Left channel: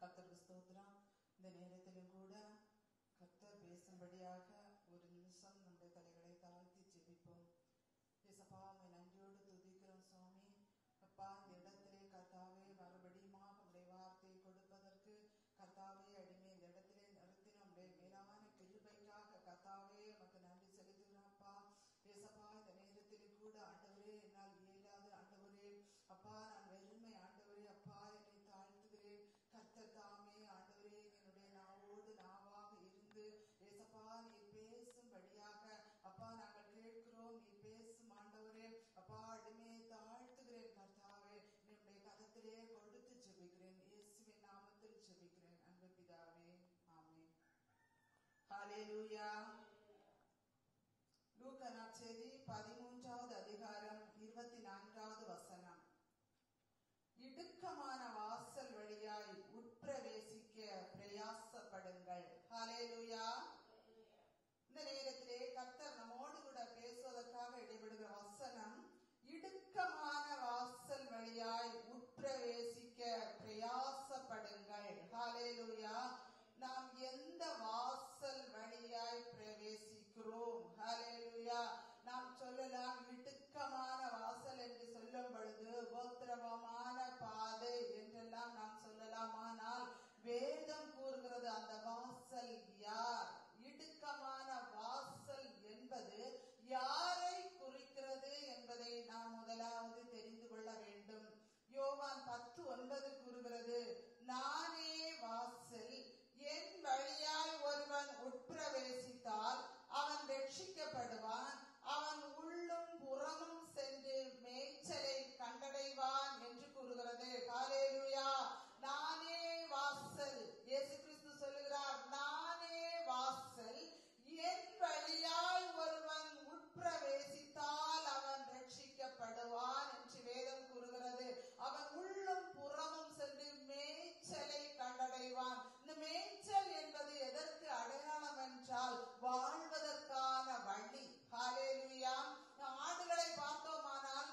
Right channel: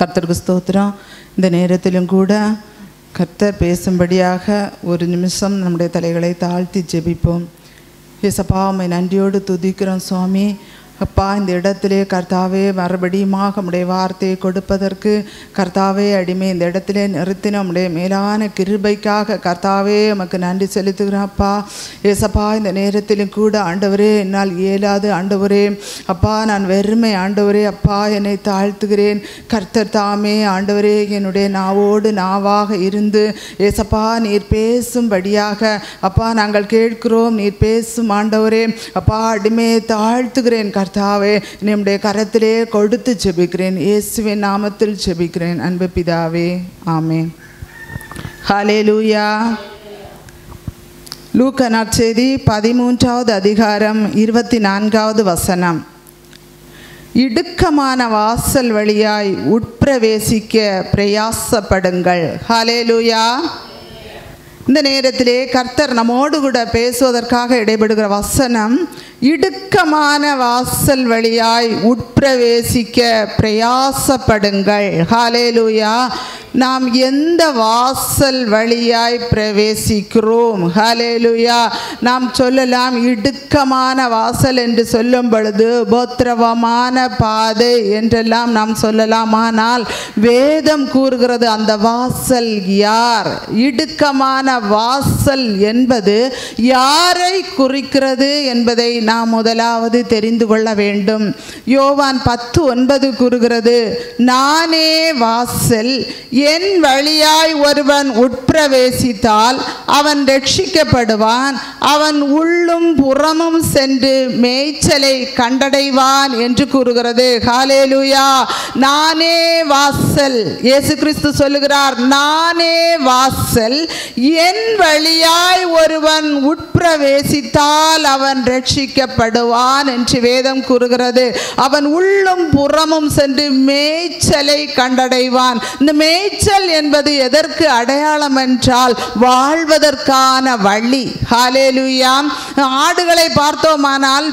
கர்த்தருக்கு ஸ்தோத்திரம். இந்த நேரத்திலும் கூட கர்த்தர் பேசும்படியாக ஒரு நிமிஷம் நம்முடைய தலைகளை தாழ்த்தி ஜெபிப்போம். ஏசப்பா, உம்மை நன்றியோடு துதிக்கிறோம் சுவாமி. அப்பா, இந்த இடத்திலே கர்த்தாவே மறுபடியுமாக உம்முடைய வார்த்தையை கொடுப்பதற்கு கர்த்தாவே அடிமை இந்த இடத்திலே நிறுத்தின உம்முடைய மேலான கிருபைக்காக கர்த்தாவே உமக்கு நன்றி செலுத்துகிறோம். அப்பா ஏசப்பா, இந்த நேரத்திலும் கூட ஆண்டவரே, என்னால் இயலாது ஆண்டவரே, அப்பா நான் வெறுமை ஆண்டவரே, அப்பா என்னை தாழ்த்துகிறேன். கர்த்தர் தாமே ஆண்டவரே என்னுடைய நாவோடு நாவாக இருந்து ஏசப்பா நீர் பேசும்படியாக அப்பா நாங்கள் கேட்கிறோம். நீர் பேசும் ஆண்டவரே, அப்பா அடிமையை தாழ்த்துகிறேன். கர்த்தாவே நம்முடைய கரத்திலே கொடுத்து ஜெபிக்கிறேன். இயேசுவின் நாமத்தில் ஜெபிக்கிறேன் அன்பு பிதாவே, ஆமென். ஹல்லேலூயா. லூக்கா நற்செய்தி 13வது அதிகாரம் 24வது வசனம். இடுக்கமான வாசல் வழியாய் உட்பிரவேசிக்க பிரயாசப்படுங்கள். ஹல்லேலூயா. இந்த நேரத்திலே கர்த்தர் நம்மோடு கூட பேசுவதற்காக இடைபெடுகிற வசனம், இடுக்கமான வாசல் வழியாய் உட்பிரவேசிக்க பிரயாசப்படுங்கள். ஹல்லேலூயா. நாம் எந்த வாசல் வழியாய் பிரவேசிக்கிறோம்? ஹல்லேலூயா. நாம் சொல்லலாம் இடுக்கமான வாசல் என்று சொல்லும் பொழுது உபத்திரவமான பாதை என்றெல்லாம் நாம் சொல்லலாம். ஆனால் வேதம் கூறுகிறது அந்த வாசல் யார்? இடுக்கமான வாசல் என்பது யாரை குறிக்கிறது என்பதை நாம் முதலாவது தெரிந்து கொள்ள வேண்டும். யோவான் 10:9 கூறுகிறது, நானே வாசல், என் வழியாய் ஒருவன் உட்பிரவேசித்தால் அவன் ரட்சிக்கப்படுவான், அவன் உள்ளும் புறமும் சென்று மேய்ச்சலை கண்டடைவான் என்று கூறுகிறது. ஹல்லேலூயா. நானே வாசல். இயேசு கிறிஸ்து சொல்லுகிறார், நானே வாசல், என் வழியாய் ஒருவன் உட்பிரவேசித்தால் அவன் ரட்சிக்கப்படுவான் என்று வேதம் கூறுகிறது. அவன் உள்ளும் புறமும் சென்று மேய்ச்சலை கண்டடைவான். இந்த மேய்ச்சல் என்பது எதற்கு அடையாளம் என்றால் வாழ்வதற்கான வழி. ஹல்லேலூயா. ஆடுகளை பார்த்தோமானால்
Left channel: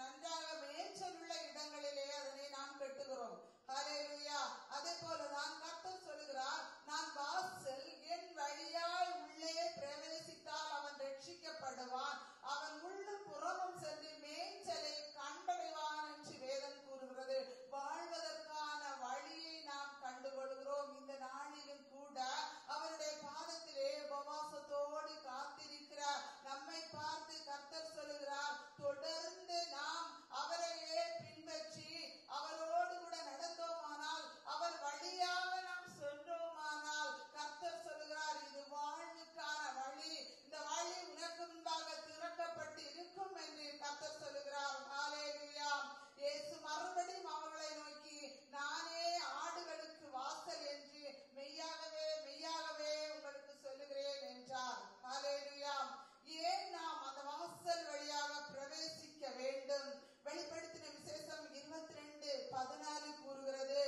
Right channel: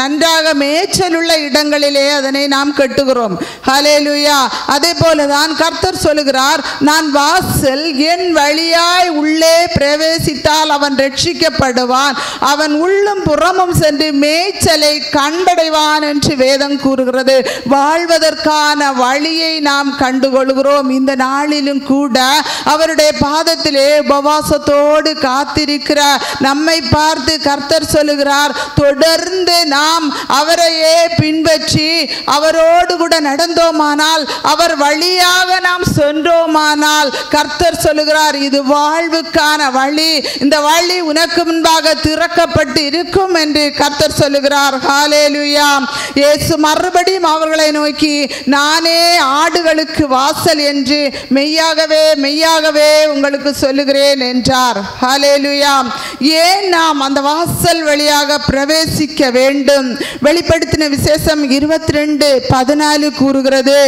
நன்றாக மேய்ச்சல் உள்ள இடங்களிலே அதனை நாம் கட்டுகிறோம். ஹல்லேலூயா. அதே போலதான் கர்த்தர் சொல்லுகிறார், நான் வாசல், என் வழியாய் உள்ளே பிரவேசித்தால் அவன் ரட்சிக்கப்படுவான், அவன் உள்ளும் புறமும் சென்று மேய்ச்சலை கண்டடைவான் என்று வேதம் கூறுகிறது. வாழ்வதற்கான வழியை நாம் கண்டுகொள்கிறோம். இந்த நாளிலும் கூட அவருடைய பாதத்திலே உபவாசத்தோடு காத்திருக்கிற நம்மை பார்த்து கர்த்தர் சொல்லுகிறார், தொடர்ந்து நாம் அவரையே பின்பற்றி அவரோடு கூட நடந்தோமானால், அவர் வழியாக நாம் சென்றோமானால் கர்த்தர் சொல்லுகிறார், இது வாழ்வுக்கான வழி, இந்த வழி உனக்கு முன்பாக திறக்கப்பட்டு இருக்கும் என்று கர்த்தர் சொல்லுகிறார். ஹல்லேலூயா. இயேசு மறுபடியும் அவர்களை நோக்கி, நானே ஆடுகளுக்கு வாசல் என்று மெய்யாகவே மெய்யாகவே உங்களுக்கு சொல்லுகிறேன் என்றார். ஹல்லேலூயா. ஏன் நாம் அந்த வாசல் வழியாக பிரவேசிக்க வேண்டும்? வெளிப்படுத்தின விசேஷம் 22:14 கூறுகிறது,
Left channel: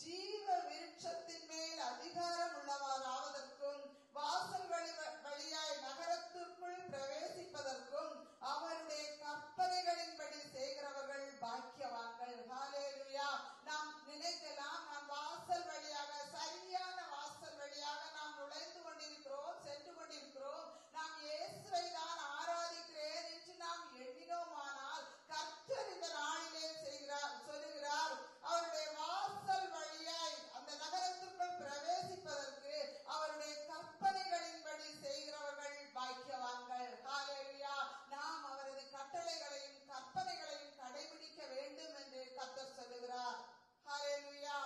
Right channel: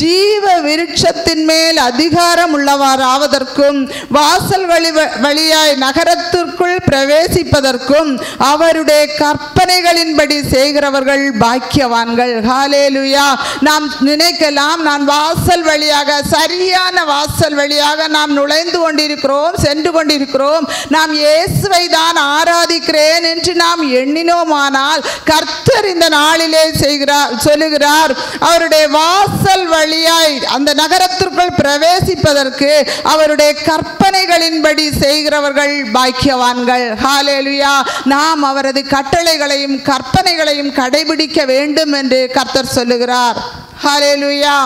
ஜீவ விருட்சத்தின் மேல் அதிகாரம் உள்ளவராவதற்கும் வாசல் வழியாய் நகரத்திற்குள் பிரவேசிப்பதற்கும் அவருடைய கற்பனைகளின்படி செய்கிறவர்கள் பாக்கியவான்கள். ஹல்லேலூயா. நாம் நினைக்கலாம், நான் வாசல் வழியாக, சரியான வாசல் வழியாக நாம் நுழைந்து கொண்டிருக்கிறோம், சென்று கொண்டிருக்கிறோம், நாம் இயேசுவை தான் ஆராதிக்கிறேன் என்று நாம் எண்ணினோமானால் கர்த்தர் இந்த நாளிலே சொல்லுகிறார், அவருடைய வாசல் வழியாய் அந்த நகரத்திற்குள் பிரவேசிப்பதற்கு அவருடைய கற்பனைகளின்படி செய்கிறவர்கள் பாக்கியவான்கள். ஹல்லேலூயா. நாம் அவரது கட்டளைகளையும் கற்பனைகளையும் கடைபிடிக்க வேண்டும் என்று கர்த்தர் சொல்லுகிறார். ஹல்லேலூயா.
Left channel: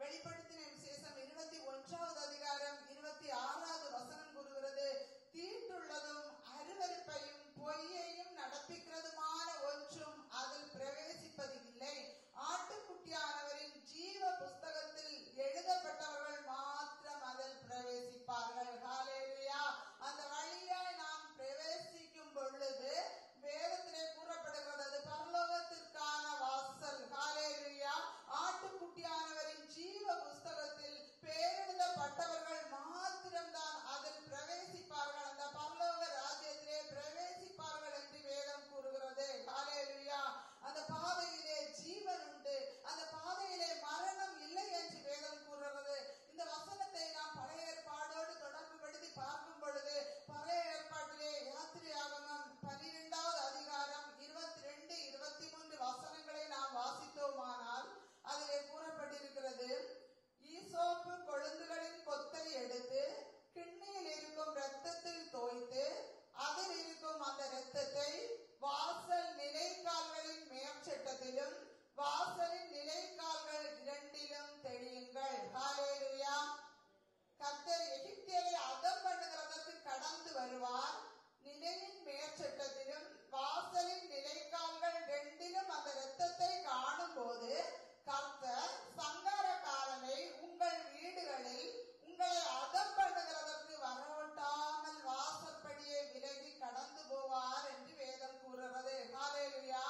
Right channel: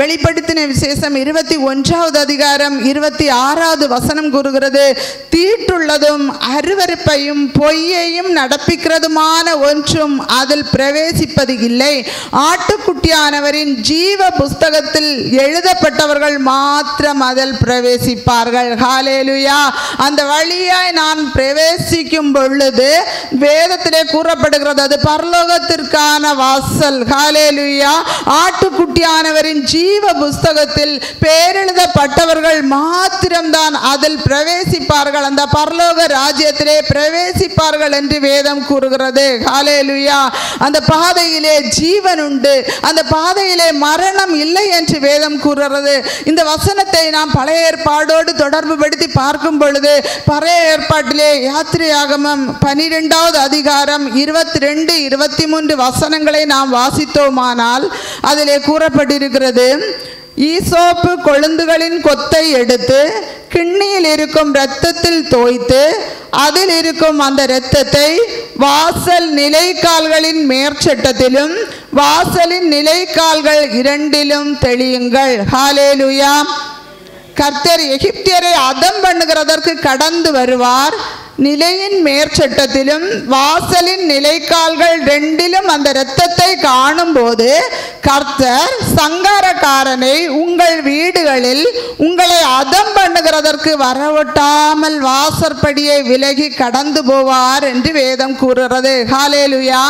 வெளிப்படுத்தின விசேஷம் 21வது அதிகாரம் 26வது வசனம் கூறுகிறது, தீட்டுள்ளதும் அருவருப்பையும் பொய்யையும் நடப்பிக்கிறதுமான ஒன்றும் அதில் பிரவேசிப்பது இல்லை, ஆட்டுக்குட்டியானவரின் ஜீவ புஸ்தகத்தில் எழுதப்பட்டவர்கள் மாத்திரம் அதில் பிரவேசிப்பார்கள். ஹல்லேலூயா. அந்த வழியாய் நான் பிரவேசிக்கும் பொழுது வேதத்திலே கூறப்படுகிறது, அது பரலோகத்திற்கான வாசல். ஹல்லேலூயா. ஆட்டுக்குட்டியானவரின் ஜீவ புஸ்தகத்தில் பேரெழுதப்பட்டவர்கள் மாத்திரம்தான் அதில் பிரவேசிப்பார்கள், அந்த பரலோக ராஜ்யத்திலே பிரவேசிப்பார்கள் என்று வேதம் கூறுகிறது. ஹல்லேலூயா. அந்த பாதையிலே ஜீவன் உண்டு, அந்த பாதையிலே மரணம் இல்லை என்று வேதம் கூறுகிறது. இந்த வசனத்தை நாம் பழைய ஏற்பாடோடு தொடர்பு படுத்தி பார்க்கும் பொழுது பழைய ஏற்பாட்டிலே யாத்திரையாகமம் 12வது அதிகாரம் 22, 23 வசனங்களை நாம் வாசித்தோமானால் அதிலே கூறப்பட்டிருக்கிறது, ஈசோப்பு கொழுந்துகளின் கொத்தை எடுத்து கிண்ணியில் இருக்கும் இரத்தத்தில் தோய்த்து அதில் இருக்கும் அந்த இரத்தத்தை வாசல் நிலைக்கால்களின் மேற்சட்டத்திலும் வாசலின் நிலைக்கால்கள் இரண்டிலும் தெளியுங்கள். ஹல்லேலூயா. கர்த்தர் எகிப்தியரை அதம் பண்ணுகிறதற்கு கடந்து வருவார். நிலையின் மேற்சட்டத்திலும் வாசலின் நிலைக்கால்கள் ரெண்டிலும் அந்த இரத்தத்தை காணும் போது கர்த்தர் சங்காரக்காரனை உங்கள் வீடுகளில் உங்களை அதம் பண்ணுகிறதற்கு வரவொட்டாமல் வாசற்படியை விலகி கடந்து போவார் என்று வேதம் கூறுகிறது. ஹல்லேலூயா.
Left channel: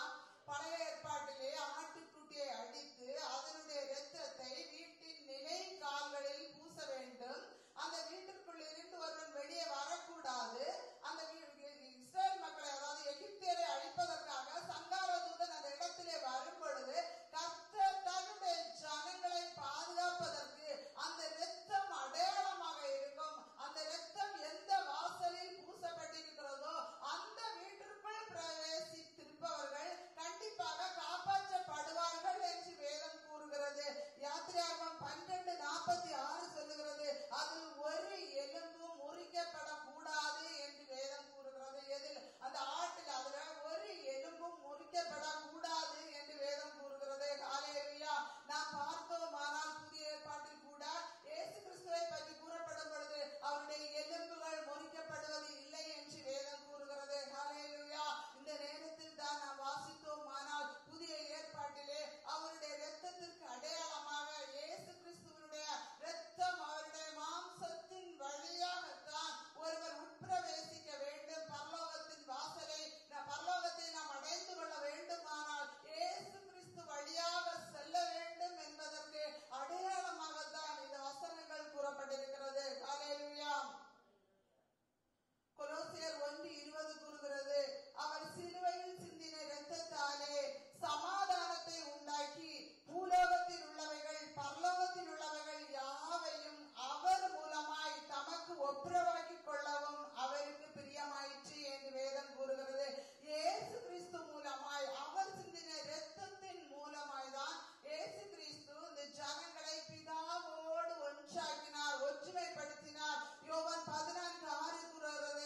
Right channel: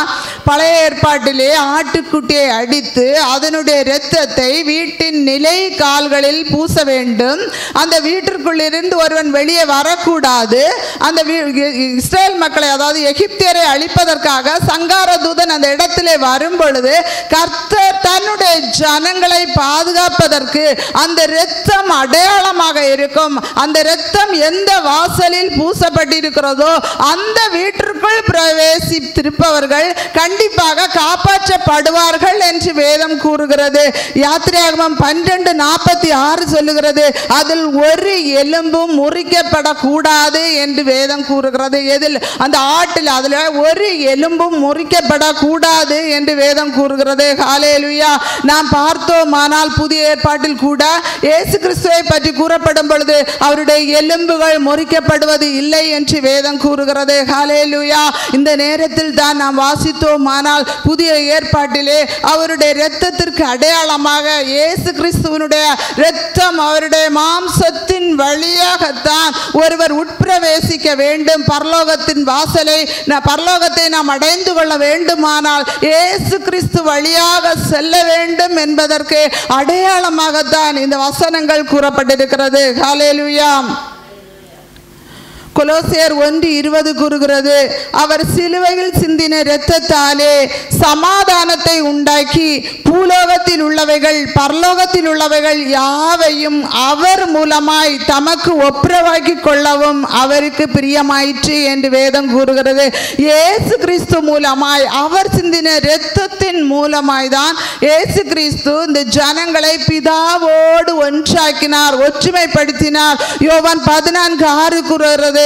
பழைய ஏற்பாட்டிலே ஆட்டுக்குட்டியை அடித்து அதனுடைய இரத்தத்தை வீட்டின் நிலை கால்களில் பூச வேண்டும். அந்த வீட்டிற்குள் இருந்து ஒருவன் வெளியே வரக்கூடாது. அந்த இஸ்ரேல் மக்களை, அதாவது எகிப்தியரை அழிப்பதற்காக சங்கார தூதன் அந்த இடத்திலே வரும் பொழுது கர்த்தர் தன்னுடைய ஜனங்களை பாதுகாப்பதற்கு அந்த இரத்தம் அடையாளமாக இருக்கும். அந்த இரத்தம் எந்த வாசலில் பூசப்பட்டிருக்கிறதோ அந்த வீட்டிற்குள் பிரவேசித்திருப்பவர்கள் கண்டிப்பாக காப்பாற்றப்படுவார்கள் என்று வேதம் கூறுகிறது. யாத்திரையாகமம் 12:46 சொல்லுகிறது, அதில் ஒரு எலும்பும் முறிக்கப்படக்கூடாது என்று வேதம் கூறுகிறது. எதில்? அந்த ஆட்டில் அதில் ஒரு எலும்பும் முறிக்கப்படக்கூடாது என்று வேதம் கூறுகிறது. ஹல்லேலூயா. நாம் பார்த்தோமானால் புதிய ஏற்பாட்டில் கூட இயேசு கிறிஸ்துவை பற்றி கூறப்படும் பொழுது அவருடைய எலும்புகள் முறிக்கப்படுவது இல்லை என்று வேதம் கூறுகிறது. ஹல்லேலூயா. இந்த நேரத்தில் தான் நாம் வாசித்தோமானால் புதிய ஏற்பாட்டிலே அவருடைய இரத்தத்திற்கு அடையாளமாக இயேசு கிறிஸ்துவனுடைய இரத்தம், அவருடைய மாம்சத்தின் வழியாகத்தான் ஒருவர் உட்பிரவேசிக்க வேண்டும். பரலோகத்தின் வாசலை, பரலோகத்தை நாம் அடைந்து கொள்ள வேண்டுமானால் இயேசு கிறிஸ்து வழியாக செல்ல வேண்டும் என்பதற்கு அடையாளமாகத்தான் இந்த வசனங்கள் கூறப்பட்டிருக்கிறது. ஹல்லேலூயா. கொலோசியர் 1:20 கூறுகிறது, அவர் சிலுவையில் சிந்தின இரத்தத்தாலே சமாதானத்தை உண்டாக்கி பூலோகத்தில் உள்ளவைகள் பரலோகத்தில் உள்ளவைகள் யாவையும் அவர் மூலமாய் தமக்கு ஒப்புரவாக்கி கொள்ளவும் அவருக்கு பிரியமாயிற்று என்று வேதம் கூறுகிறது. இயேசு கிறிஸ்து மூலமாய், அவர் சிந்தின இரத்தத்தின் மூலமாய் தான் இயேசு கிறிஸ்து இந்த ஜனங்களை பிதாவோடு ஒன்றாக்கினார், ஒற்றுமைப்படுத்தினார். யோவான் 14:6 கூறுகிறது,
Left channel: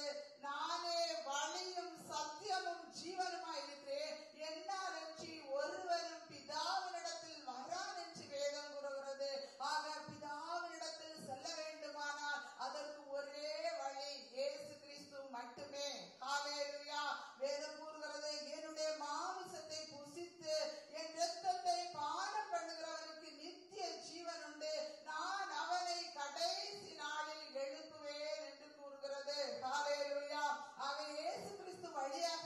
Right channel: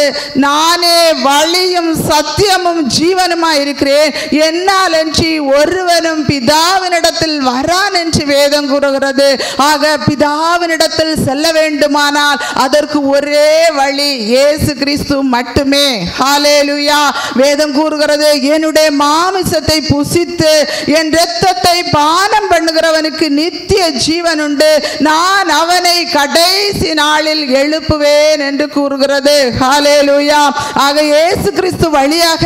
நானே வழியும் சத்தியமும் ஜீவனுமாய் இருக்கிறேன், என்னால் அன்றி ஒருவனும் பிதாவினிடத்தில் வரான் என்று வேதம் கூறுகிறது. ஆக பிதாவினிடத்தில் செல்ல வேண்டுமானால் அதற்கு ஒரே வழி இயேசு கிறிஸ்து மட்டுமே. ஹல்லேலூயா. வேதம் கூறுகிறது, என்னுடைய மாமிசத்தை புசித்து என் இரத்தத்தை பானம் பண்ணுகிறவனுக்கு நித்திய ஜீவன் உண்டு, நான் அவனை கடைசி நாளில் எழுப்புவேன் என்று கூறுகிறது. ஹல்லேலூயா. ஆக இயேசு கிறிஸ்து வழியாக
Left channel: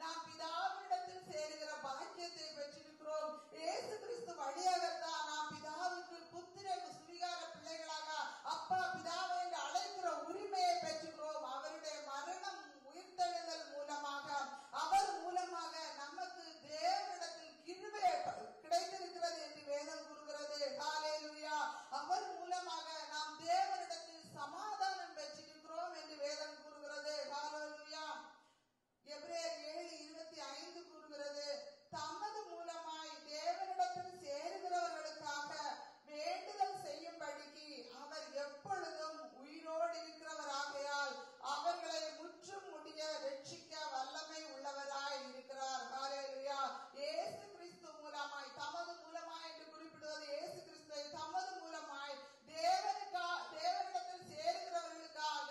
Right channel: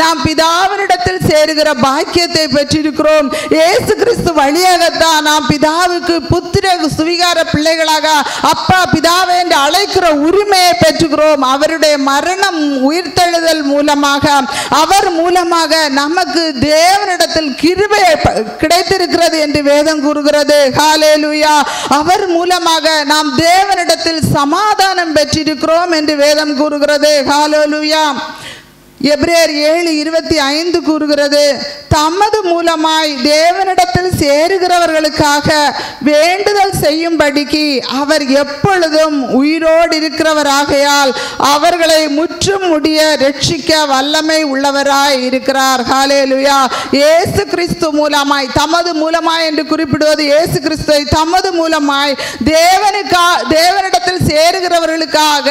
நாம் பிதாவினிடத்தில் சேருகிற பாக்கியத்தை பெற்றிருக்கிறோம். இயேசு கிறிஸ்து வழியாகத்தான் நாம் பிதாவுக்கு புத்திர சுவிகார பிள்ளைகளாக அப்பா பிதாவை என்று அழைக்கிற உரிமையை பெற்றுகிறோம். அவருடைய மரணம் உயிர்த்தெழுதல் மூலமாக, அவர் மூலமாக நமக்கு தேவனிடத்தில் கிருபை கிடைத்திருக்கிறது என்று வேதம் கூறுகிறது. ஹல்லேலூயா. அவர் மூலமாக நாம் தேவனிடத்தில் சமாதானம் பெற்றிருக்கிறோம் என்று வேதம் கூறுகிறது. ஹல்லேலூயா. எபிரேயர் 7:25 கூறுகிறது, தமது மூலமாய் தேவனிடத்தில் சேருகிறவர்களுக்காக வேண்டுதல் செய்யும்படிக்கு அவர் எப்பொழுதும் உயிரோடு இருக்கிறவராகையால் அவர்களை முற்றும் முடிய ரட்சிக்க வல்லமை உள்ளவராய் இருக்கிறார். ஹல்லேலூயா. இயேசு கிறிஸ்து மூலமாய், தமது மூலமாய் என்று குறிப்பிடுவது இயேசு கிறிஸ்துவை தமது மூலமாய் தேவனிடத்தில் சேருகிறவர்களுக்காக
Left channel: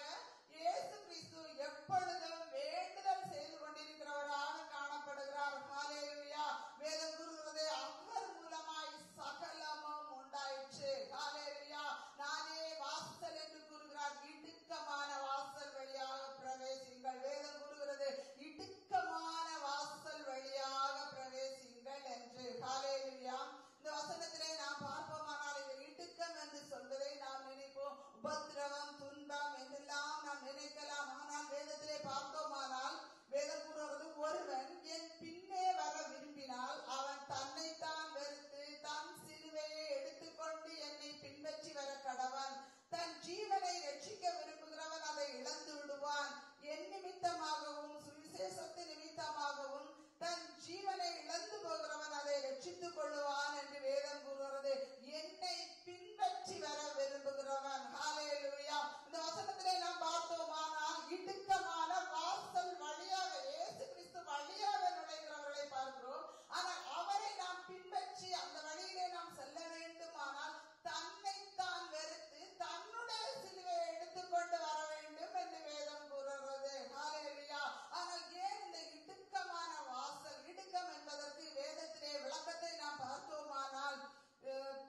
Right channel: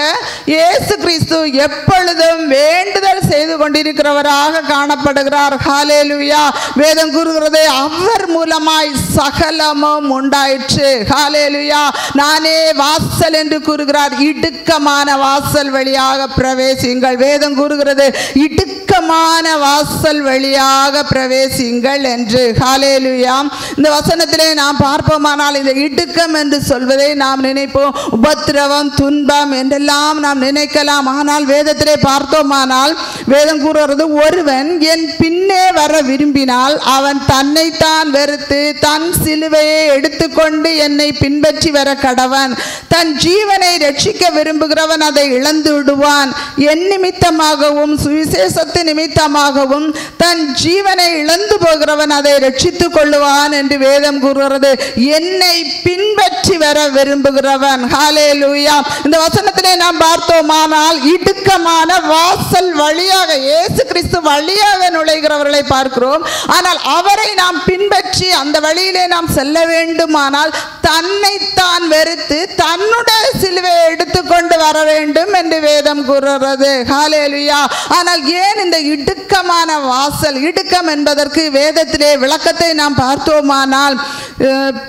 இயேசு கிறிஸ்து எப்பொழுதும் வேண்டுதல் செய்து கொண்டிருக்கிறவராக காணப்படுகிறார். ஹல்லேலூயா. வேதம் கூறுகிறது, அவர் மூலமாய் சகலமும் உண்டாயிற்று. ஹல்லேலூயா. நானே வாசல் என்று கூறுகிறார். இடுக்கமான வாசல் வழியாக பிரவேசியுங்கள். வேதம் கூறுகிறது, இடுக்கமான இடுக்கமான வாசல் வழியாக பிரவேசிங்கள் என்று. ஹல்லேலூயா. இந்த வசனத்திலே நாம் பார்ப்போமானால் இந்த இடுக்கம் என்று சொல்வதை நாம் நினைப்போம் உபத்திரவம், துன்பம் என்றெல்லாம் நாம் நினைக்கலாம். ஆனால் வேதத்திலே பார்த்தோமானால் வேதம் கூறுகிறது, ஒருவன் என் பின்னே வர விரும்பினால் அவன் தன்னைத்தான் வெறுத்து தன் சிலுவையை எடுத்துக்கொண்டு என்னை பின்பற்றி வர கடவன். தன் ஜீவனை ரட்சிக்க விரும்புகிறவன் அதை இழந்து விடுவான். என் நிமித்தமாகவும் சுவிசேஷத்து நிமித்தமாகவும் தன் ஜீவனை இழந்து போகிறவன் அதை ரட்சித்துக் கொள்ளுவான் என்று வேதம் கூறுகிறது. என்னை பின்பற்றி வர விரும்புகிறவன். ஹல்லேலூயா. இந்த வசனத்திலே நாம் பார்த்தோமானால் இடுக்கமான வாசல் வழியாக இயேசு கிறிஸ்து வழியாக நுழைகிறவர்களை பார்க்கிறோம். ஆனால் அவரை நாம் பின்பற்றி அந்த வழியிலே நாம் செல்ல வேண்டுமானால் தன்னைத்தான் வெறுத்து தன்னுடைய சிலுவையை எடுத்துக்கொண்டு வர வேண்டும் என்று வேதம் கூறுகிறது. ஹல்லேலூயா. ஆனால் ஏன் இந்த இடுக்கமான வாசல்? இடுக்கம் என்பதற்கு வேதத்திலே விளக்கத்தை நாம் பார்த்தோமானால்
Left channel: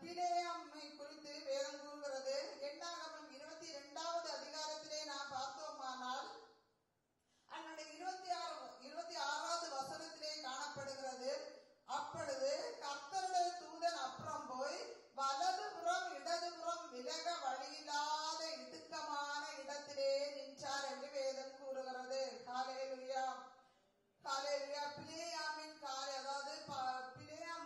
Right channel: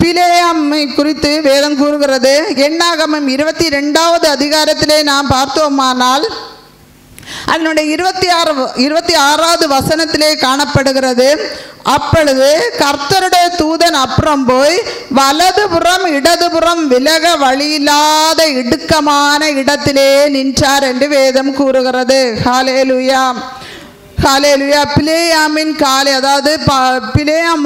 பிலேயாமை குறித்து வேதம் கூறுகிறது. எண்ணாகமம் 22வது அதிகாரத்திலே நாம் பார்த்தோமானால் அதனுடைய 26வது வசனத்திலே காணப்படுகிறது. அப்பொழுது கர்த்தருடைய தூதன் அப்புறம் போய் வலதுபுறம் இடதுபுறம் விலக வழியில்லாத இடுக்கமான இடத்திலே நின்றார் என்று வேதம் கூறுகிறது. ஹல்லேலூயா. ஹல்லேலூயா. பிலேயாமின் காலை, அதாவது பிலேயாம்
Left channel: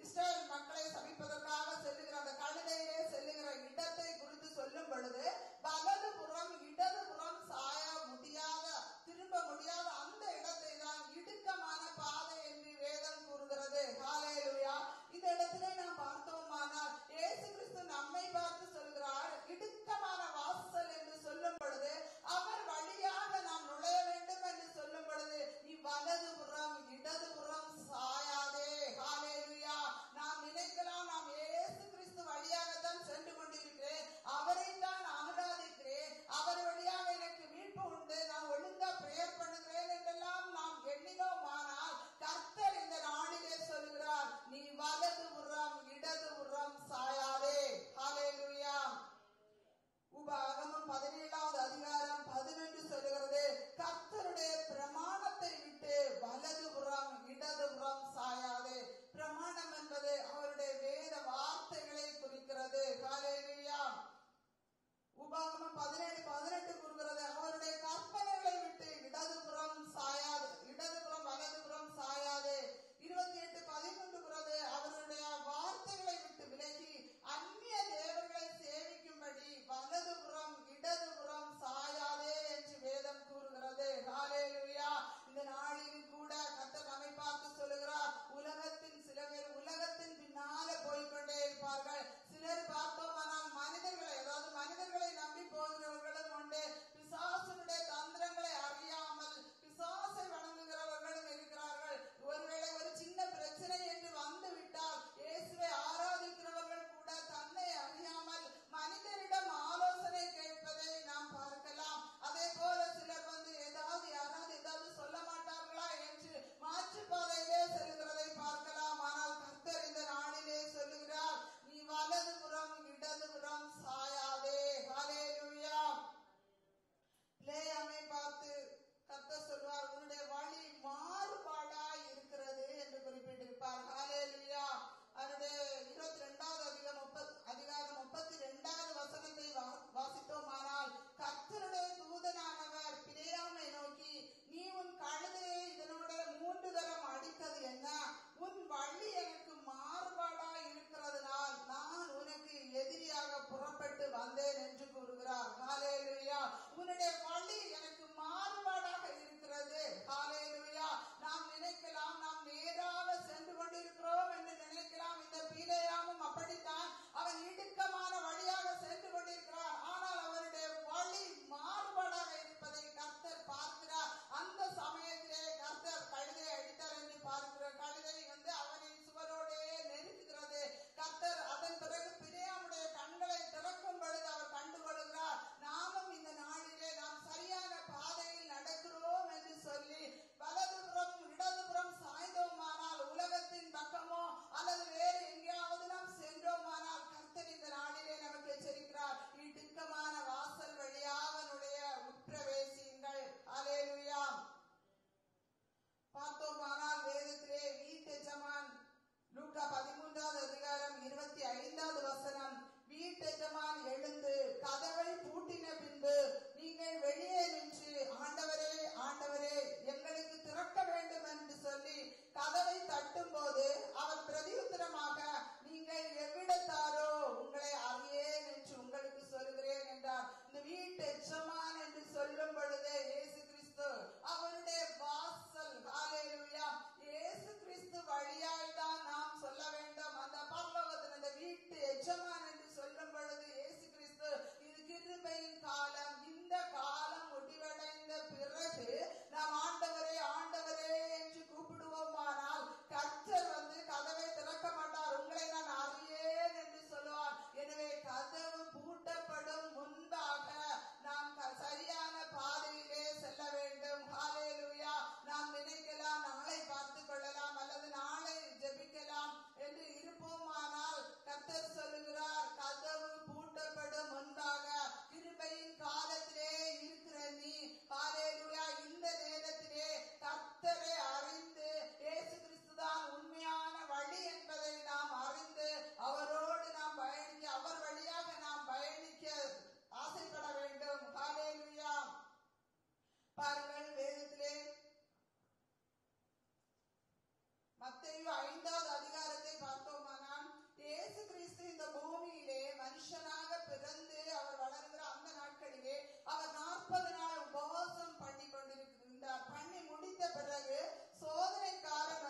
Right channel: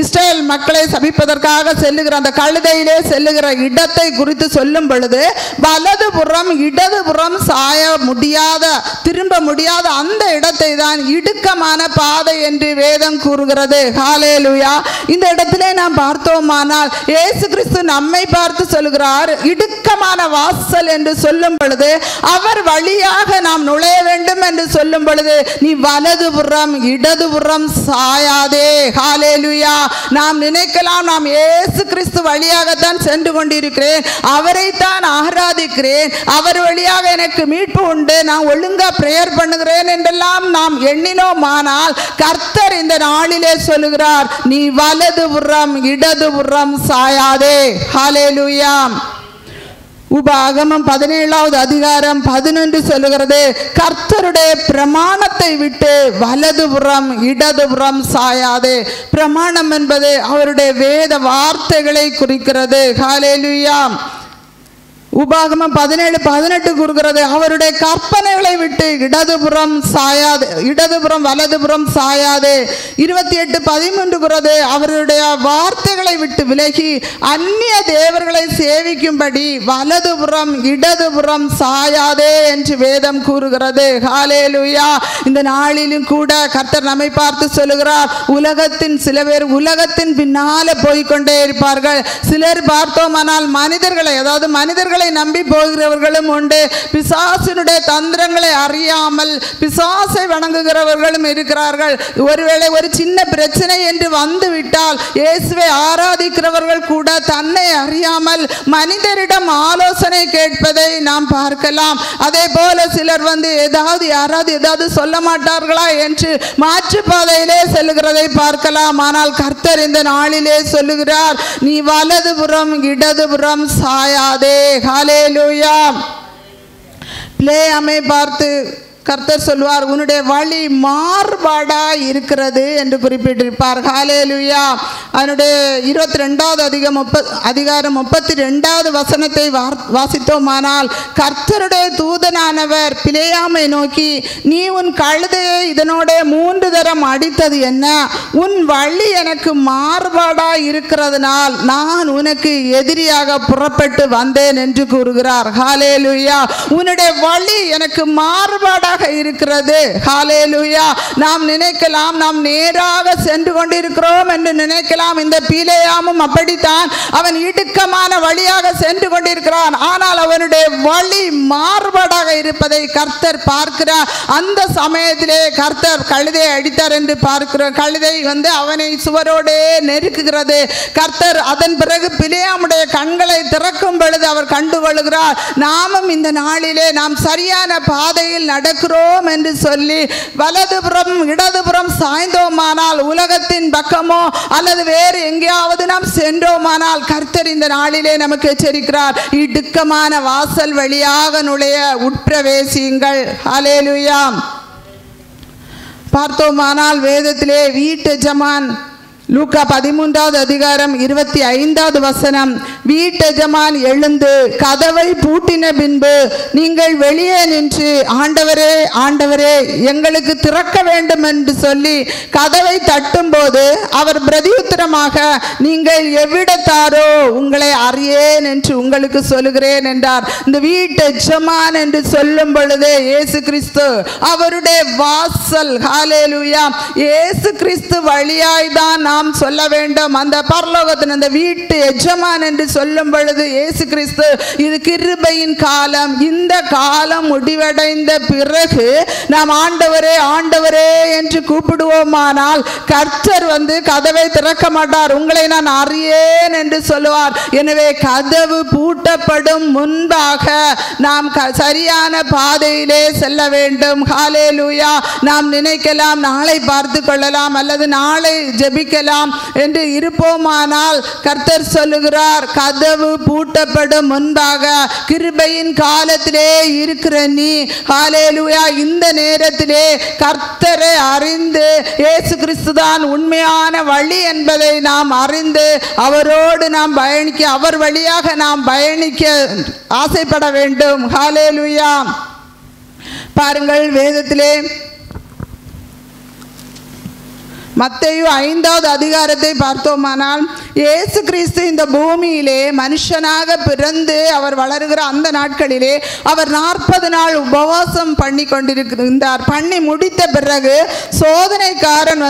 இஸ்ரேல் மக்களை சபிப்பதற்காக செல்லுகிற அந்த கழுதையிலே செல்லுகிற இடத்தை குறித்து சொல்லும் பொழுது வலதுபுறம் இடதுபுறம் சாய முடியாத, திரும்ப முடியாத அந்த இடத்தை தான் இடுக்கமான பாதை என்று வேதம் கூறுகிறது. ஹல்லேலூயா. இந்த இடத்திலே நாம் பார்த்தோமானால் இயேசு கிறிஸ்து நம்மை பார்த்து சொல்கிறார், இடுக்கமான வாசல் என்று சொல்லும் பொழுது அவர் வழியாக நாம் நுழைய வேண்டும் என்று சொல்லும் பொழுது நீ வலதுபுறம் இடதுபுறம் சாயாதே. ஹல்லேலூயா. நாம் நினைக்கலாம், நாம் இயேசு கிறிஸ்து வழியாகத்தான் சென்று கொண்டிருக்கிறேன், அவரைத்தான் ஆராதிக்கிறேன், அவர் வழியாக எனக்கு மீட்பு உண்டு, நான் ஒழுங்கா பிரேயர் பண்ணுகிறேன் என்றெல்லாம் நாம் எண்ணினோமானால் கர்த்தர் இந்த நாளிலே சொல்லுகிறார், நீ வலதுபுறம் இடதுபுறம் சாயாதே. ஹல்லேலூயா. உபாகமம் 17வது அதிகாரம் 11 சொல்லுகிறது, கர்த்தருடைய பிரமாணத்தை விட்டு வலதுபுறம் இடதுபுறம் சாயாதே. பிரமாணம் என்பது அவருடைய வேத வார்த்தைகளை குறிக்கிறது. ஹல்லேலூயா. உபாகமம் 17:18 கூறுகிறது, அவருடைய கற்பனைகளை விட்டு இடதுபுறம் சாயாது, இடதுபுறம் வலதுபுறம் சாயாதே. 28:13 கூறுகிறது, அவருடைய வார்த்தைகளை விட்டு விலகி அந்நிய தேவர்களை சேவிக்கும்படி வலதுபுறம் இடதுபுறம் சாயாதே என்று வேதம் கூறுகிறது. ஹல்லேலூயா. இந்த நாளிலும் கூட கர்த்தர் நம்மை பார்த்து சொல்லுகிறார், உலகத்தின் சில பேர் உலகத்தின் பின்னால போய்கொண்டே இருப்பார்கள். சிலர் பார்த்தோமானால் மனிதர்களை, அதாவது மனிதர்களை நம்பி போகிறவர்களும் உண்டு. பிசாசினுடைய தந்திரங்களை அறியாமல் பிசாசை வணங்குகிறவர்களும் இருக்கிறார்கள். ஒருவேளை ஒரு சின்ன பிரச்சனை என்று வந்து விட்டால் இயேசுவை ஆராதிக்கிறவர்கள் கூட தன்னை அறியாமல் மனிதரிடம் ஆலோசனை கேட்பதை நாம் பார்க்கலாம். அதே போல சிலர் யாராவது ஏதாவது சொல்ல மாட்டார்களா என்று மாற்றுப்பாதையிலே செல்லுகிறதை பார்க்கலாம். ஆனால் கர்த்தர் இந்த நாளிலே சொல்லுகிறார், நீ வலதுபுறம் இடதுபுறம் சாயாதே. ஹல்லேலூயா. பிலேயாமை பார்த்து கர்த்தர் சொல்வார், உன்னுடைய வழி மாறுபாடா இருக்கிறது என்று குறிப்பிட்டிருப்பார். ஹல்லேலூயா. அதனுடைய 22வது அதிகாரம் 32வது வசனத்தை வாசித்தோமானால் கர்த்தருடைய தூதனானவர் பிலேயாமை நோக்கி, நீ உன் கழுதையை இதனோட 3 தரம் அடித்தது என்ன? உன் வழி எனக்கு மாறுபாடா இருக்கிறதுனால் நான் உனக்கு எதிரியாக புறப்பட்டு வந்தேன் என்று கூறுகிறார். ஹல்லேலூயா. உன்னுடைய வழி எனக்கு மாறுபாடாக இருக்கிறது. ஹல்லேலூயா. நாம் நினைக்கலாம் நாம் நேராக சென்று கொண்டிருக்கிறோம் என்று நினைக்கலாம். இந்த பிலேயாமும் அப்படித்தான், அவன் இடுக்கமான வழியாக சென்று கொண்டிருக்கிறான். ஆனால் அவனுடைய வழி மாறுபாடாக இருப்பதை கர்த்தர் பார்க்கிறார். அந்த சமயத்திலே கர்த்தர் கழுதையை அடித்தார் என்று பார்க்கிறோம். கழுதை அவனை சுவரோடே நெருக்குகிறது. கர்த்தர் அதன் பிறகு பிலேயாமுடைய கண்களை திறக்கும் பொழுது அவர் கண்டுகொள்கிறார், நாமும் இந்த நாளிலே நாம் சரியான பாதையில் நடக்கிறோம் என்று சொல்லி வலதுபுறம் இடதுபுறம் சாய்ந்தோமானால், உலகத்தின் பக்கமோ அல்லது வேறு எங்கேயாவது நாம் சென்றோமானால் கர்த்தர் இந்த நாளிலே நமக்கு எச்சரிக்கிறார், இடுக்கமான வாசல் வழியாக நுழைய உட்பிரவேசியுங்கள். ஹல்லேலூயா. பார்த்தோமானால் வேதத்திலே வீட்டு எஜமான் லூக்கா 13வது அதிகாரம் 25வது வசனம், வீட்டெஜமான் எழுந்து கதவை பூட்டின பின்பு நீங்கள் வெளியே நின்று ஆண்டவரே ஆண்டவரே எங்களுக்கு திறக்க வேண்டும் என்று சொல்லி கதவை தட்டும்போது அவர் பிரதியுத்தரமாக நீங்கள் எவ்விடத்தாரோ உங்களை அறியேன் என்று உங்களுக்கு சொல்லுகிறேன் என்றார். இந்த வீட்டெஜமான் என்று சொல்லும் பொழுதே இயேசு கிறிஸ்து அவருடைய வாசல். ஹல்லேலூயா. இயேசு கிறிஸ்து வழியாய்தான் நாம் சொல்ல வேண்டும். அந்த பரலோகத்தின் அந்த வீட்டு எஜமான் என்று சொல்லும் பொழுது இயேசு கிறிஸ்து இது கிருபையின் காலம். இந்த காலம் முடிவடைந்த பிறகு நாம் ஆண்டவரே ஆண்டவரே என்று கூப்பிடுவோமானால் கர்த்தர் கதவை திறக்க மாட்டார். உங்களை நான் அறியேன் என்று சொல்லுவார். எனவே கதவு பூட்டப்படும் முன்பாக நாம் சரியான பாதையிலே செல்ல வேண்டும். ஹல்லேலூயா. நாம் நினைக்கலாம் நாளை பார்த்து கொள்ளலாம் அல்லது நாளை ஜெபிக்கலாம் என்று இருப்போமானால் கர்த்தர் சொல்லுகிறார் கதவு பூட்டப்படும் முன்பாக கிருபையின் காலத்திலே இருக்கிற நீ ஹல்லேலூயா இந்த நேரத்திலே கர்த்தரை அறிந்து இயேசு கிறிஸ்து தான் உண்மையான வழி என்பதை நாம் அறிந்து அவரோடு நாம் பயணிக்க, அவர் வழியாக நாம் பயணிக்க ஆசைப்பட வேண்டும். ஹல்லேலூயா. பாருங்கள் வேதத்திலே மத்தேயு 5வது அதிகாரத்தை பார்த்தோமானால் இயேசு கிறிஸ்து இந்த பூமியிலே மனுஷனாக பிறந்து அவர் வளருகிற அந்த நாட்களிலே அவர் 40 நாள் உபவாசம் பண்ணி கொண்டிருந்தார். பண்ணி முடித்த பிறகு சோதனைக்காரன்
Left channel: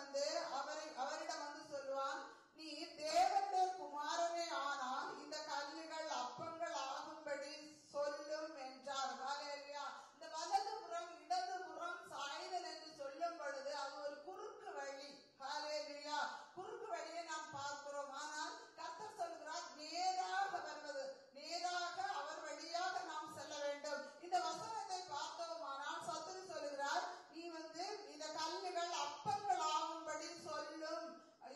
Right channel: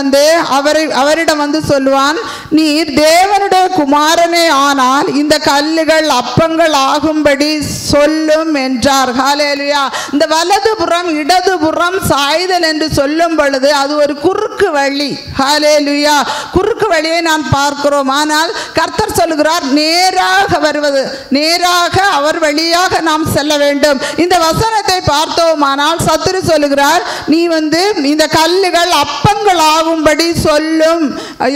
அவரிடம் சொல்லுவான், நீர் தேவனுடைய குமாரனே ஆனால் இந்த கல்லுகள் அப்பங்கள் ஆகும்படி சொல்லும் என்றார். ஹல்லேலூயா. இந்த வலதுபுறம் இடதுபுறம் சாய்தல் என்று சொல்லும் பொழுது அது ஒரு குறுக்கு வழி. ஹல்லேலூயா. குறுக்கு வழியை நான் பார்க்கிறோம். ஆனால் கர்த்தர் சொல்லுகிறார் நேராக வருவது, நேராக அவர் வழியாக நாம் செல்ல வேண்டும். இந்த வசனத்தை பார்த்தோமானால் சத்துரு சொல்லுகிறார் நீ இந்த கல்லுகள் அப்பங்கள் ஆகும்படி சொல்லும்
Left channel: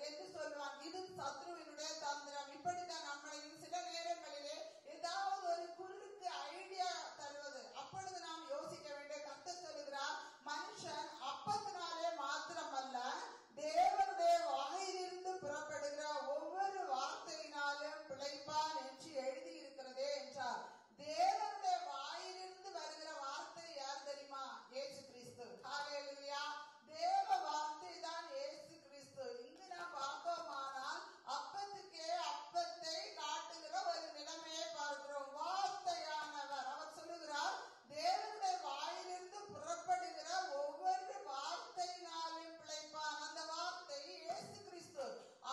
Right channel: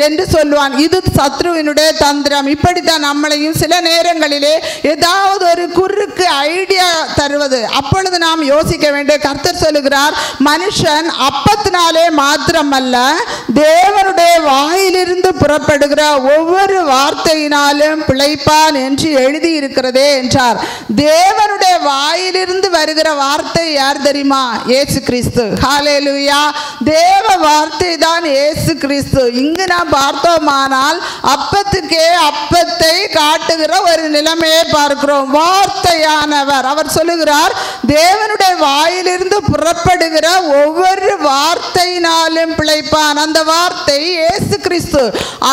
என்று சொல்லுவான். இது சத்ருவினுடைய தந்திரம். இப்படித்தான் நம்மளையும் சில நேரங்களிலே ஏதாவது ஒரு குறுக்கு ஐடியா தருவது. அப்பொழுது நாம் யோசிக்க வேண்டும். கர்த்தர் சொல்லுகிறார் மனுஷன் அப்பத்தினாலே மாத்திரமல்ல தேவனுடைய வாயிலிருந்து புறப்படுகிற ஒவ்வொரு வார்த்தையினாலும் பிழைப்பான் என்று எழுதி இருக்கிறதே என்றார். தேவனுடைய வாயிலிருந்து வருகிற வார்த்தை யார் தெரியுமா? இயேசு கிறிஸ்து. ஹல்லேலூயா. தேவ வார்த்தை தான் இயேசு கிறிஸ்து. இங்கு நாம் பார்த்தோமானால் அப்பத்துக்கே அப்பத்தை காட்டுகிற ஒரு நிலைமையை பார்க்கிறோம். வார்த்தையானவர் அவர் சொல்லுகிறார் தேவனுடைய வாயிலிருந்து புறப்படுகிற ஒவ்வொரு வார்த்தையினாலும் பிழைப்பான். அந்த வார்த்தை இயேசு கிறிஸ்து.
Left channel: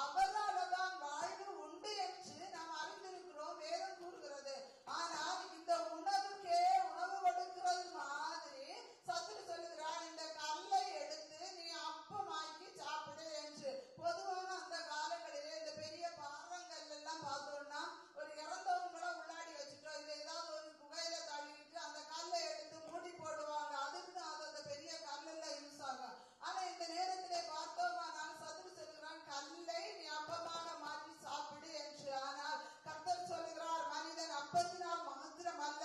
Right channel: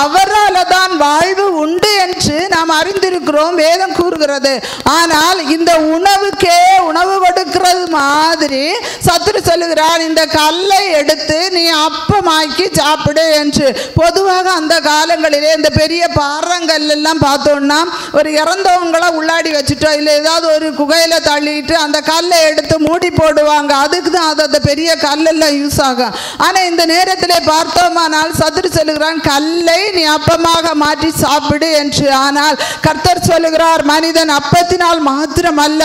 அவரால் தான் வாழ்வு உண்டு என்று நாம் அறிந்திருக்கிறோம், வேதம் கூறுகிறது. ஆனால் இந்த உணவுக்கே உணவு கொடுக்கிறது மாதிரி சத்துரு சொல்லுகிறார் இந்த கல்லை எடுத்து நீ அப்பமாக்கி சாப்பிடு என்று. பொதுவாக அந்த காலங்களிலே இந்த பெரிய பாறங்கள் எல்லாம் பார்த்தோம்னா ஒரு இறந்தவங்களை உள்ளாடி வச்சுட்டோம் இல்லை ஏதாவது ஒரு குகையில தள்ளிட்டு அந்த கல்லை எடுத்து மூடி போடுவாங்க. அதுக்கு தான் அது அந்த பெரிய கல்லெல்லாம் யூஸ் ஆகும். ஆனால் இந்த நேரத்தில் பார்த்தோமானால் சத்துரு சொல்லுகிறான் கல்லை நீ அப்பமாக மாற்றி சாப்பிடு என்று. ஆனால் கர்த்தர் சொல்லுகிறார் மனிதன் அப்பத்தினால் மாத்திரம் அல்ல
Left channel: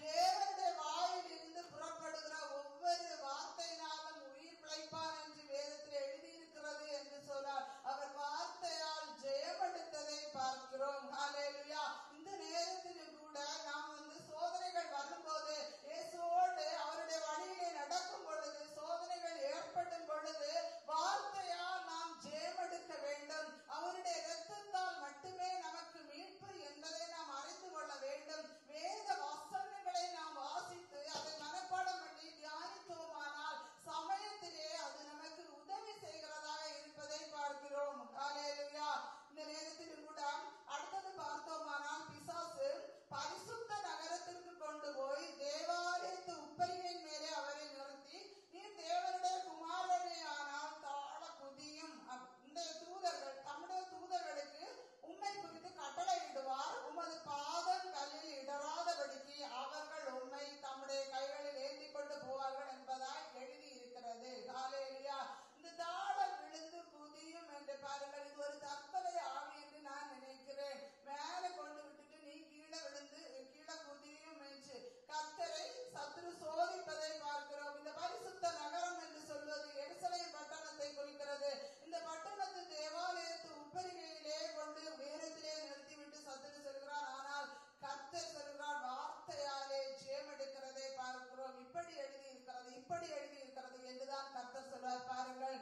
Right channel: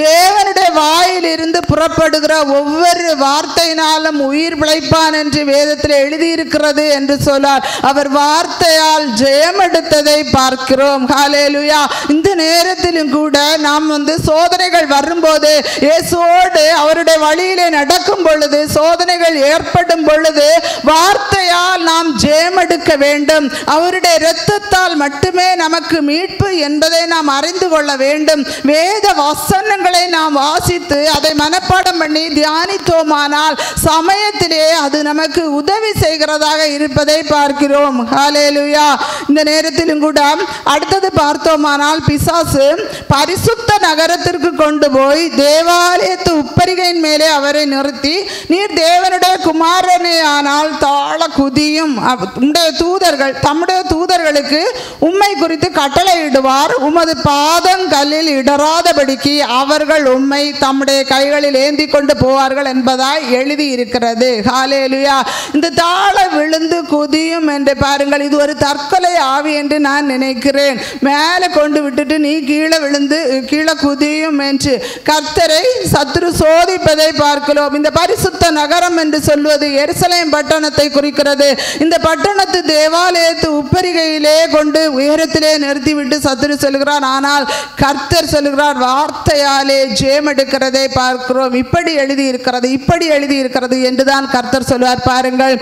தேவனுடைய வாயில் இருந்து புறப்படுகிற ஒவ்வொரு வார்த்தையினாலும் உயிர் பிழைப்பான் என்று வேதத்தில் எழுதியிருக்கிறது என்று சொன்னார். அவர் வார்த்தையால் ஜெயம் எடுத்ததை பார்க்கிறோம். ஹல்லேலூயா. இந்த நேரத்திலும் கூட நாம் சோதனைகள் வரும்போது இயேசுவோடு அவருடைய வழியிலே நடக்கும் பொழுது சோதனைகள் ஏற்படும் பொழுது வார்த்தையால் நாம் ஜெயம் எடுக்க வேண்டும். அவருடைய இரத்தத்தால் மட்டுமே நமக்கு மீட்பு என்பதை நாம் அறிந்து கொள்ள வேண்டும். வேத வசனங்களை நாம் வாசித்து அதை மனப்பாடம் பண்ணி தியானித்தோமானால் சமயத்திலே அது நமக்கு உதவி செய்கிறதாக இருப்பதை பார்க்கிறோம். ஹல்லேலூயா. இந்த நேரத்திலும் கூட அடுத்தது பார்த்தோமானால் பிசாசு பரிசுத்த நகரத்திற்கு கொண்டு போய் தேவாலயத்து உப்பரிகையின் மேலே அவரை நிறுத்தி நீர் தேவனுடைய குமாரனே ஆனால் தாழ குதியும் தம்முடைய தூதர்களுக்கு உம்மை குறித்து கட்டளையிடுவார் உமது பாதங்கல்லில் இடராதபடிக்கு அவர்கள் உம்மை தம்முடைய கைகளில் ஏந்தி கொண்டு போவார்கள் இருப்பார்கள் என்பதாய் எழுதி இருக்கிறது. ஹல்லேலூயா. இந்த தாழ விழுந்து குதியும் என்று பாருங்கள், இது ஒரு தற்கொலை ஆவி என்று நான் நினைக்கிறேன். மேலே கொண்டு விட்டுட்டு நீ கீழே விழுந்து கீழே குதியும் என்று கர்த்தரை சத்துரு சோதிப்பதை பார்க்கிறோம். இந்த பரிசுத்த நகரம் என்று சொல்வது எருசலேம் பட்டணத்தை குறிக்கிறது. இந்த பட்டணத்து தேவாலயத்து உப்பரிகையிலே கொண்டு உயரத்திலே நிறுத்திவிட்டு சத்துரு சொல்கிறார். ஆனால் கர்த்தர் சொல்கிறார், வார்த்தையாலே ஜெயம் எடுக்கிறதை பார்க்கிறோம். இப்படி எழுதி இருக்கிறது, இப்படி எழுதி இருக்கிறது என்றுதான் கர்த்தர் சொல்வார். பாருங்கள்,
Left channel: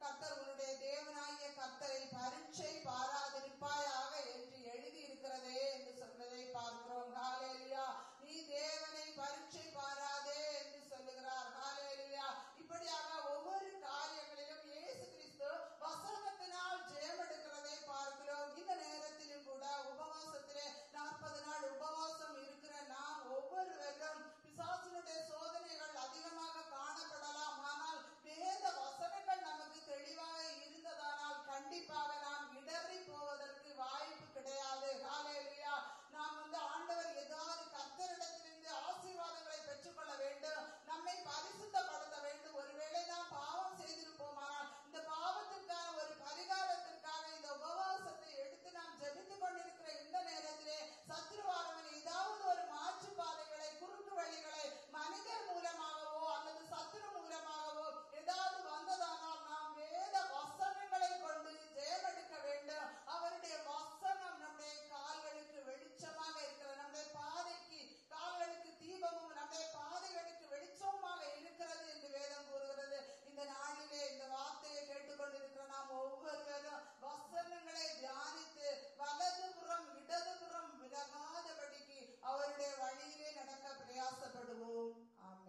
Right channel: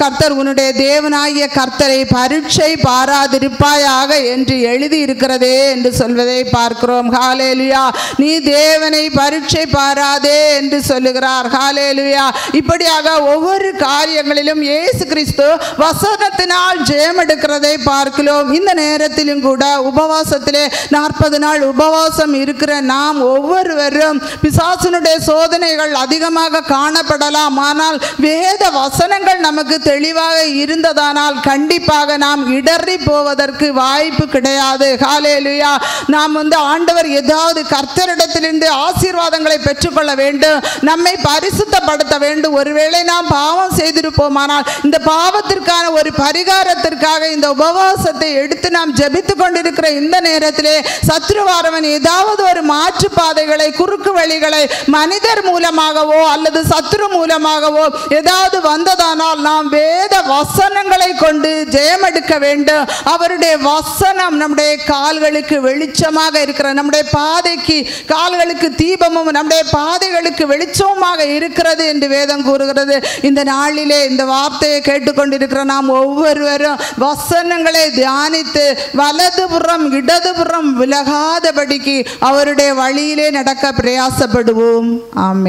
கர்த்தர் உன்னுடைய தேவனாகிய கர்த்தரை பரீட்சை பாராதிருப்பாயாக என்று எழுதி இருக்கிறதே என்று சொல்வதை பார்க்கிறோம். ஹல்லேலூயா. நீ தேவனை பரீட்சை பாராதே என்று சொல்லுகிறார். ஹல்லேலூயா. இப்படியாக ஒவ்வொரு காரியங்களிலும் இயேசு கிறிஸ்து வசனத்தினால் ஜெயம் எடுக்கிறதை பார்க்கிறோம். இந்த நேரத்திலும் கூட உபவாசத்திலே 40 நாள் உபவாசம் இருக்கிற நாம் ஒவ்வொருவரும் பிசாசுனுடைய சோதனைகள் அதிகமாக காணப்படலாம். ஆனால் வேத வசனங்கள் நமக்கு தெளிவாக இருந்ததானால் கண்டிப்பாக நாம் இடறி போவதற்கு வாய்ப்பு கிடையாது. ஹல்லேலூயா. நாம் ஆண்டவர் ஏதாவது கர்த்தரிடத்திலிருந்து ஆசீர்வாதங்களை பெற்றுக்கொள்ள வேண்டும், நம்மை பரிசுத்தப்படுத்த வேண்டும். ஒருவேளை நாம் பாவம் செய்திருப்போமானால் இந்த பாவத்திற்கான ஒரு பரிகாரத்திற்காக இந்த உபவாசத்தை எடுத்து நாம் ஜெபித்து கொண்டிருக்கிற இந்த நேரத்திலே சத்ருவாரவன் ஏதாவது ஒரு மாற்று பாதைகளை, குறுக்கு வழிகளை மனிதர் மூலமாகவோ அல்லது சத்ரு மூலமாகவோ ஏதாவது வந்ததானால் நாம் வேத வசனங்களை கொண்டு ஜெயம் எடுக்க வேண்டும். அவருடைய வசனம் நம்முடைய கால்களுக்கு வெளிச்சமாக இருக்கிற, நம்முடைய பாதைக்கு கால்களுக்கு தீபமும் நம்முடைய பாதைகளுக்கு வெளிச்சமுமாக இருக்கிறது என்று வேதம் கூறுகிறது. இந்த நாளிலே இந்த வார்த்தையை கேட்டுக்கொண்டிருக்கிற நாம் ஒவ்வொருவரும் வசனங்களை தியானித்து வலதுபுறம் இடதுபுறம் விலகாதபடிக்கு அவருடைய வழியிலே நடக்க பிரயாசப்படுவோம். ஆமென்.